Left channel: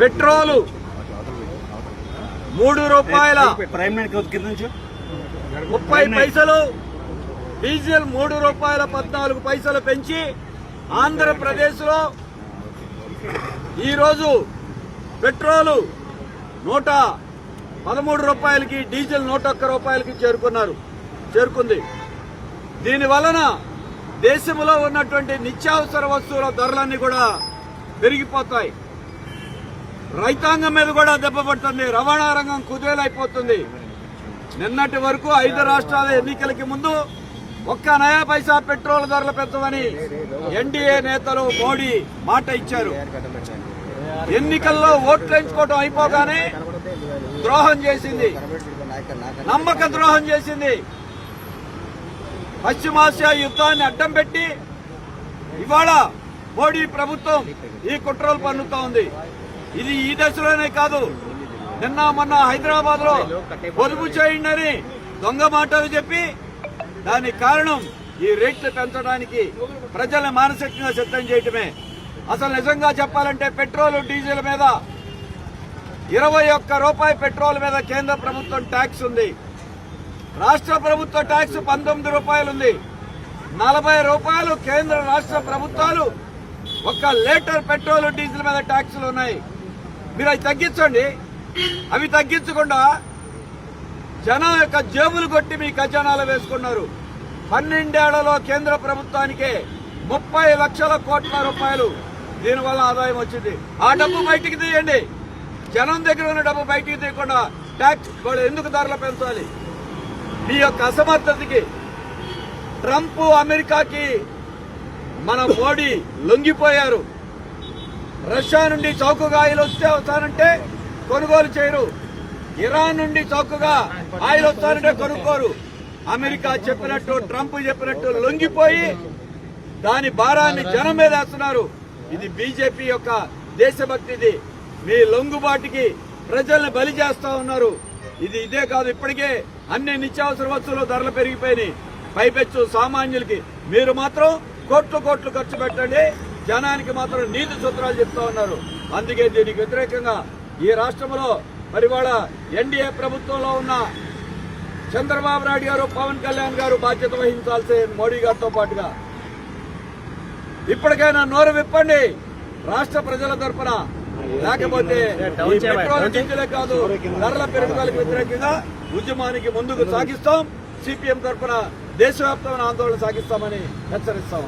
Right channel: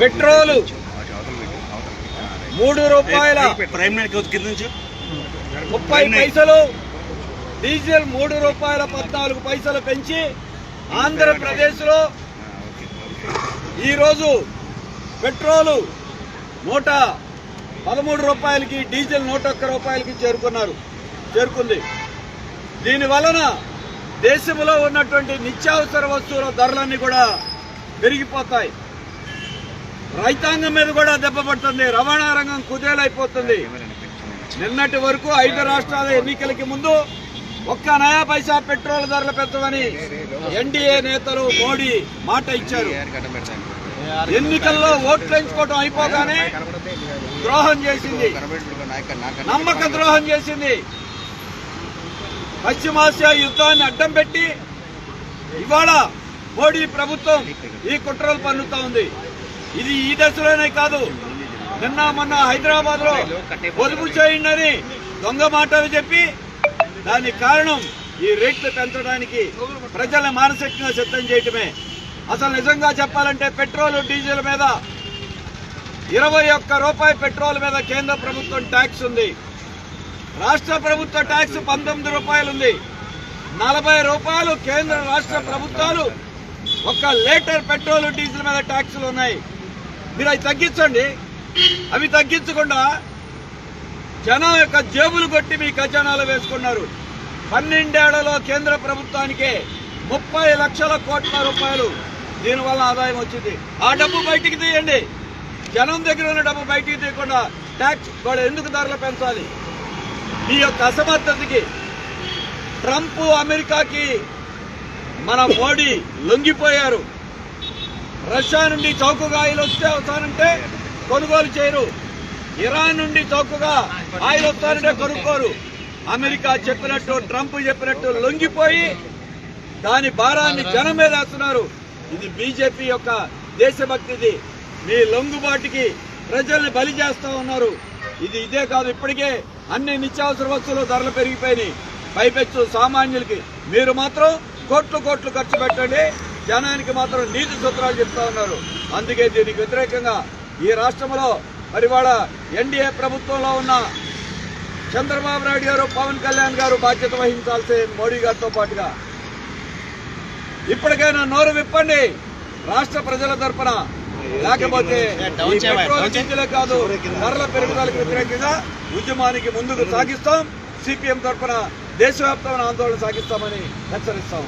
Petrol 3 రూపాయల 30 పైసలు, diesel 3 రూపాయల 14 పైసలు పెంచి ఆంధ్రప్రదేశ్లో ఈరోజు పెట్రోలు 113 రూపాయలకి, డీజిల్ 101 రూపాయలకి చేరుకుంది. దీని వలన దేశంలో ఉన్నటువంటి నిత్యావసర వస్తువుల ధరలన్నీ కూడా పెరిగిపోతాయి. రైతాంగం మీద కూడా దెబ్బ పడుతుంది. రవాణా రంగం కుదేలైపోతుంది. నిన్నటి వరకు 5 రాష్ట్రాల ఎన్నికలకి ముందు ఒక్క నయా పైసా పెట్రోల్ ధరలు పెంచమని ఎన్డీఏ నేతలు మోడీ మాట ఇచ్చారు. ఎన్నికల్లో ఓట్లు ఎంచుకోవడం అయిపోగానే ద్రోహం చేసింది, నమ్మక ద్రోహం చేసింది. పశ్చిమాసియా యుద్ధాన్ని అడ్డం పెట్టి ఇవాళ మోడీ ప్రభుత్వం ఈ కుట్రలు పన్నుతా ఉంది. ఇది ఈ దశలోనే కాదు, నిన్న మొన్న హైదరాబాద్ లో పొదుపు చేయండి దొంగ మాటలు చెప్పి దానికి కారణం ఈ రేట్లు పెంచడానికి ప్రజలను మానసికంగా సిద్ధం చేయటమే. అసలు నిజంగా చెప్పాలంటే పెట్రోల్ డీజిల్ మీద 21 రూపాయి పెట్రోల్ మీద కేంద్ర ప్రభుత్వం ట్యాక్స్ ఉంది. రాష్ట్ర ప్రభుత్వ ట్యాక్స్ 19 రూపాయలు ఉంది. 40 రూపాయలు కేంద్ర రాష్ట్ర ప్రభుత్వాలు 1 లీటర్ పెట్రోల్ డీజిల్ మీద ట్యాక్సులు ఉన్నాయి. మీరు అవి తగ్గించండి. అవి తగ్గించకుండా జనం యొక్క జేబులు కొట్టి మీ ఖజానాలో వేసుకున్నారు. 12 ఏళ్లలో కేంద్ర ప్రభుత్వానికే 30 లక్షల కోట్ల రూపాయలు దీనివల్ల ఆదాయం వచ్చింది. ఆ డబ్బు బయటికి తీయండి. జనం దగ్గర ఉన్న డబ్బు బయటికి తీయకుండా ట్యాక్స్ వాళ్ళు ఎందుకు ధరలు పెంచాలి? ఈ యొక్క అసమర్థతకి ట్రంప్, అమెరికాకి మన మోడీ లొంగిపోయారు. రష్యా నుండి చౌకగా ఆయిల్ వస్తే వస్తానంటే కొనుగోలు చేయరు. ఇరాన్ నుండి చౌకగా ఆయిల్ వస్తానంటే కొనుక్కోరు. అమెరికా చెప్పినట్టు, ట్రంప్ చెప్పినట్టు లొంగిపోయి దాని భారాన్ని జనం మీద వేస్తున్నారు. ఇది బీజేపీ యొక్క దేశభక్తిది. మీ లొంగుబాటుకి ప్రజల్ని బలి చేస్తా ఉన్నారు. ఇదే కాదు, ఇప్పటికే అన్ని నిత్యావసర వస్తువులు ధరలు పెరిగిపోయినాయి. పైపెచ్చు సామాన్యులకి మీరు మాత్రం కోట్లు ఖర్చు పెట్టండి, జనానికి మాత్రం నీతి సూత్రాలు చెప్తా ఉన్నారు. అందుకే దీనికి వ్యతిరేకంగా ఈ రాష్ట్రంలో మరి వాళ్ళ ఎన్డీఏ ప్రభుత్వంలో ఉన్న చంద్రబాబు నాయుడు గారు, పవన్ కళ్యాణ్ గారు బాధ్యత వహించాల్సి మోడీ గారితో పాటుగా ఇప్పటికైనా నోరు విప్పండి రాష్ట్ర ప్రజల తరఫున. లేకపోతే ఈ పెట్రోల్ డీజిలే కాదు, ధరల పెరుగుదలకు వ్యతిరేకంగా ఉద్యమానికి ముందుకు సాగిస్తాం. సిపిఎం తరఫున దేశవ్యాప్తంగా ఆందోళన సాగిస్తామని హెచ్చరిస్తాం.